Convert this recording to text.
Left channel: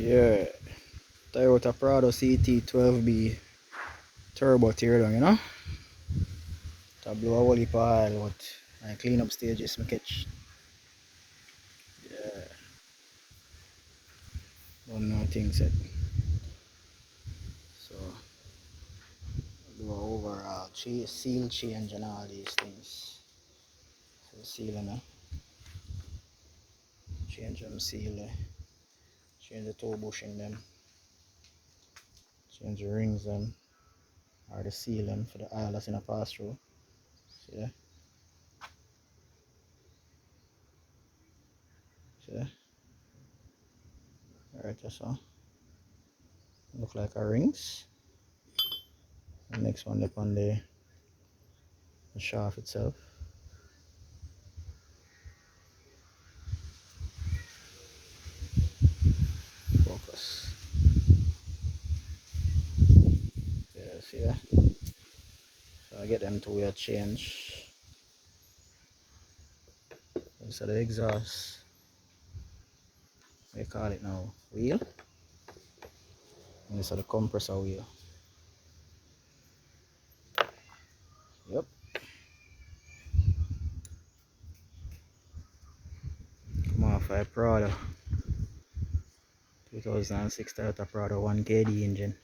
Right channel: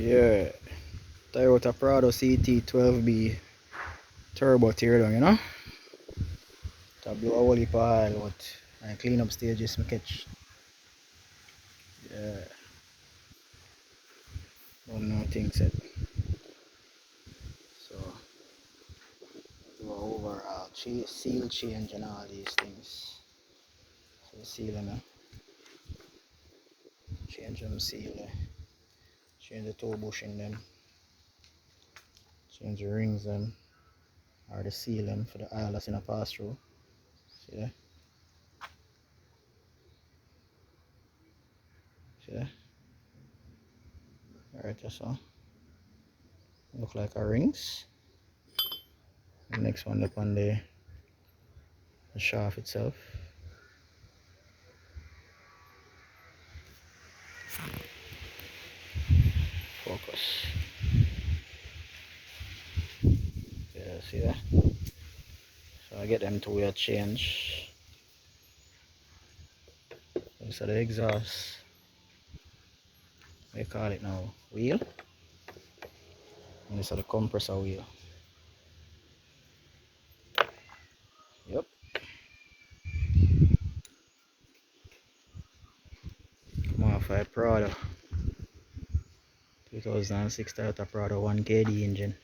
Yeah, Toyota Prado CT12B turbo teardown, you know? To blow a whole heap of oil out and clean up stages I catch. Yeah, don't know things yet. So do a overall seal change and all these things. So seal them, change them, seal, change the toe bush in them, change the rings them, or the seal them for the oil that's in a pass through. See that? See that? Alright, that's all. Look like our rings. The next one up on the shaft itself. Focus. Yeah, see that? So I get them to wheel change. This is the exhaust. We call it now wheel. And this is the compressor wheel. Yep. Come off a Prado 2006 Toyota Prado 1KD engine.